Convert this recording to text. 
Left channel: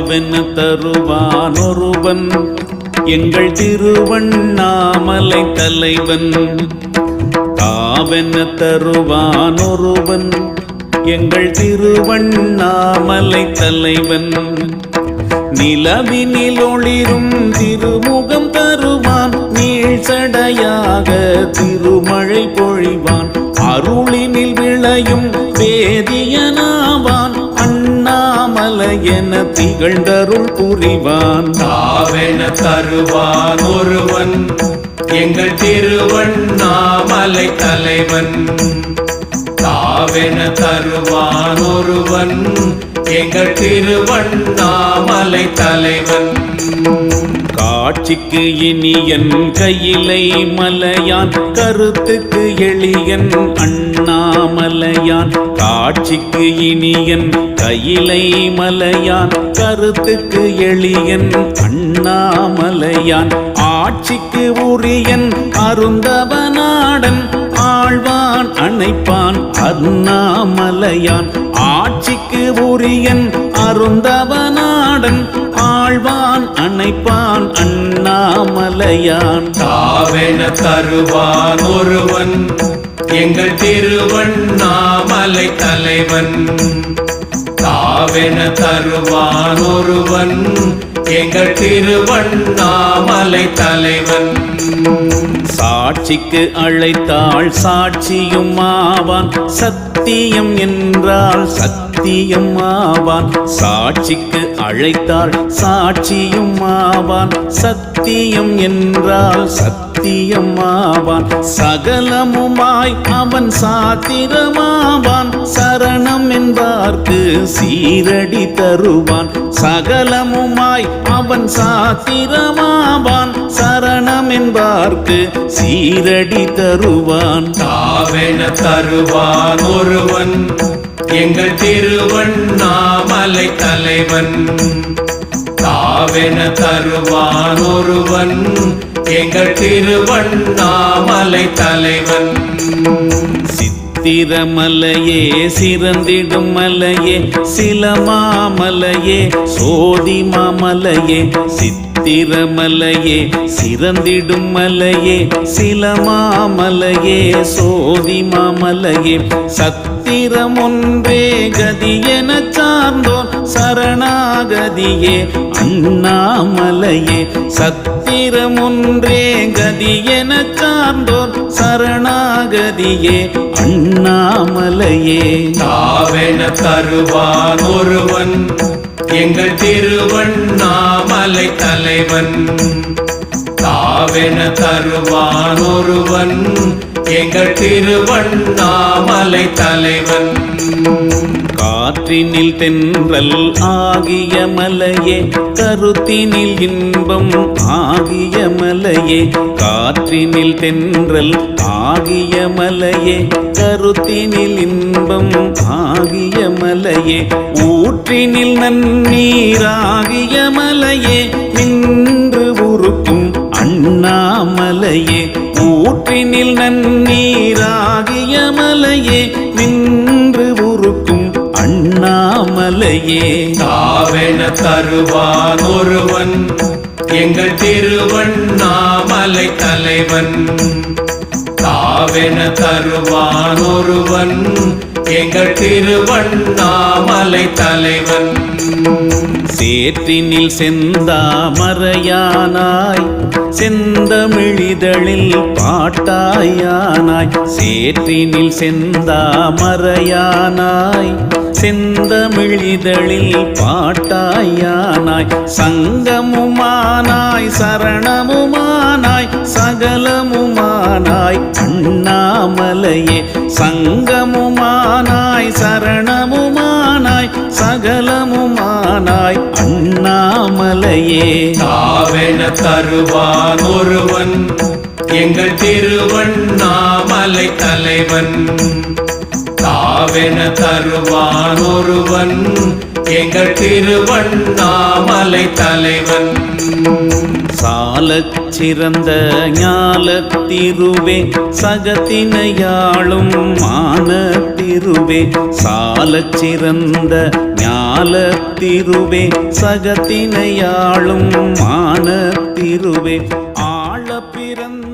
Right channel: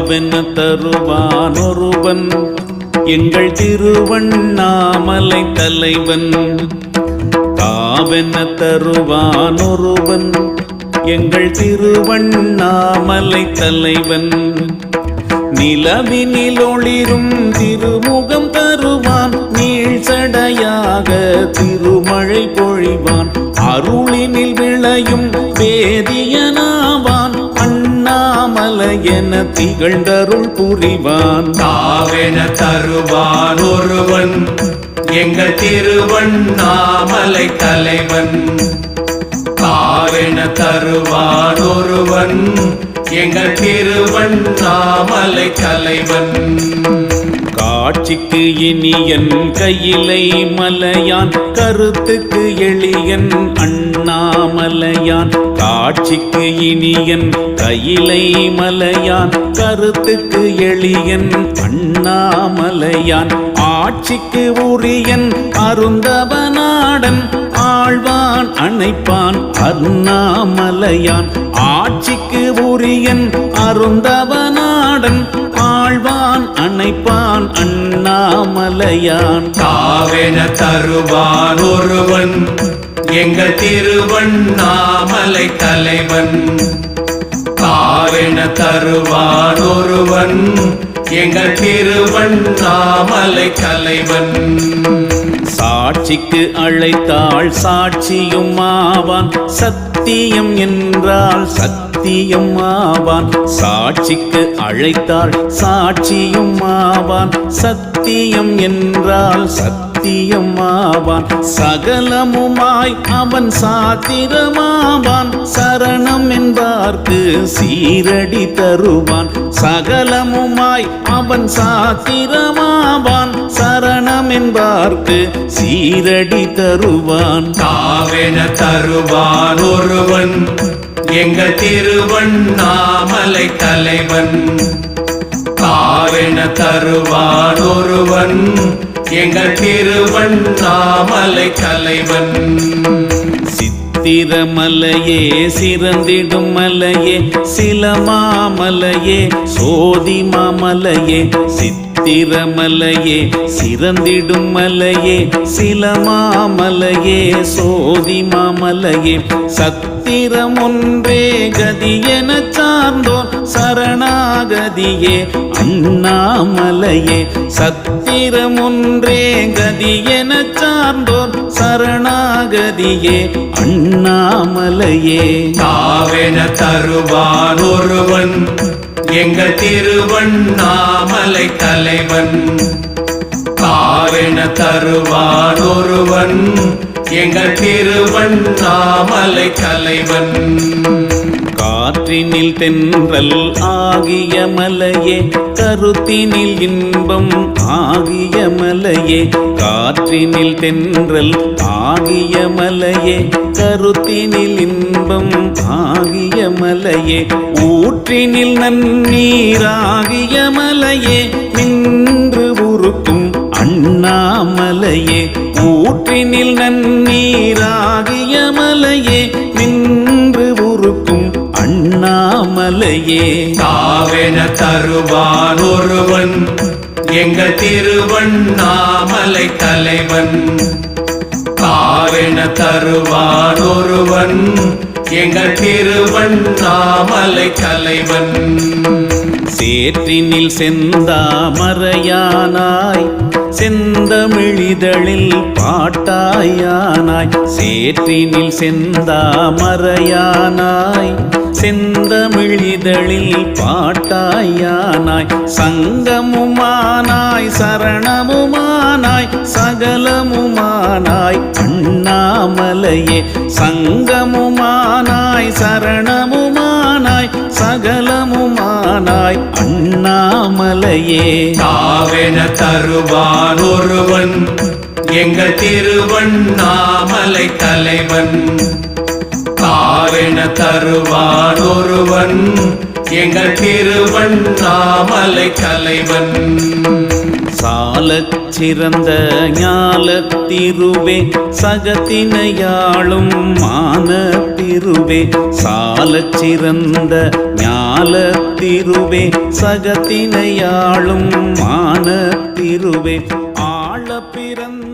தாவென தருவான் ஒருவன் எங்கள் திருவண்ணாமலை தலைவன். தாவென தருவான் ஒருவன் எங்கள் திருவண்ணாமலை தலைவன். நிலவினில் ஒளிரும் திருமுகம் தருவான். நீள் சடையாக திருமழை பொழிவான். அருளினில் விளையும் வேதியனாவான். அண்ணாமலை என திகழ்ந்தருள் புரிவான். தாவென தருவான் ஒருவன். எங்கள் திருவண்ணாமலை தலைவன். தாவென தருவான் ஒருவன். எங்கள் திருவண்ணாமலை தலைவன். ஆட்சிக்கு இனியன் கையிலை மலையான் கருத்துக்கு எளியன் அண்ணாமலையான். காட்சிக்கு இனியன் கையிலை மலையான் கருத்துக்கு எளியன் அண்ணாமலையான். ஆட்சிக்கு உரியன் அருந்தவனாடன் ஆழ்வான் அணைப்பான் அண்ணாமலையான். ஆட்சிக்கு உரியன் அருந்தவனாடன் ஆழ்வான் அணைப்பான் அண்ணாமலையான். தாவென தருவான் ஒருவன் எங்கள் திருவண்ணாமலை தலைவன். தாவென தருவான் ஒருவன் எங்கள் திருவண்ணாமலை தலைவன். சாட்சிக்கு அழைத்தாள் சாட்சியும் ஆவான். சத்தியம் என்றால் சத்தியம் ஆவான். சாட்சிக்கு அழைத்தாள் சாட்சியும் ஆவான். சத்தியம் என்றால் சத்தியம் சத்தியமாவான். சகலமுமாய் அவன் சாத்திரமாவான். சரணம் என்பார்க்கு சீரடி தருவான். சகலமுமாய் அவன் சாத்திரமாவான். சரணம் என்பார்க்கு சீரடி தருவான். தருவான் ஒருவன். எங்கள் திருவன் அண்ணாமலை தலைவன். சித்திரமலையே சிறந்திடும் மலையே சிலமாமலையே சோதிமாமலையே சித்திரமலையே சிறந்திடும் மலையே சிலமாமலையே சோதிமாமலையே. சத்திரம் ஒன்றே கதி எனச் சார்ந்தோன் சரணாகதியே அண்ணாமலையே சத் சத்திரம் ஒன்றே கதி என சார்ந்தோர் சரணாகதியே அண்ணாமலையே. தாவென தருவான் ஒருவன் எங்கள் திருவண்ணாமலை தலைவன். தாவென தருவான் ஒருவன் எங்கள் திருவண்ணாமலை தலைவன். ஆற்றினில் தென்றல் ஆகிய மலையே கருத்தினில் இன்பம் ஆகிய மலையே காற்றினில் தென்றல் ஆகிய மலையே கருத்தினில் இன்பம் ஆகிய மலையே ஊற்றினில் நன்னீராகிய மலையே நின்று உருக்கும் அண்ணாமலையே ஊற்றினில் நன்னீராகிய மலையே நின்று அண்ணாமலையே. தாவென தருவான் ஒருவன் எங்கள் திருவண்ணாமலை தலைவன். தாவென தருவான் ஒருவன் எங்கள் திருவண்ணாமலை தலைவன். சேற்றினில் செந்தாமரையானாய் செந்தமிழிதழில் பாட்டாயானாய் சேற்றினில் செந்தாமரையானாய் செந்தமிழ் இதழில் பாட்டாயானாய் சங்கமுமானாய் சரணமுமானாய் சகலமுமானாய் அண்ணாமலையே சங்கமுமானாய் சரணமுமானாய் சகலமுமானாய் அண்ணாமலையே. தாவென தருவான் ஒருவன் எங்கள் திருவன் தலைவன். சாலச் சிறந்த ஞாலத்திருவே சகத்தினையாளும் மானத்திருவே சாலச் சிறந்த ஞாலத்திருவே சகத்தினையாளும் மானத்திருவே ஆழ பிறந்த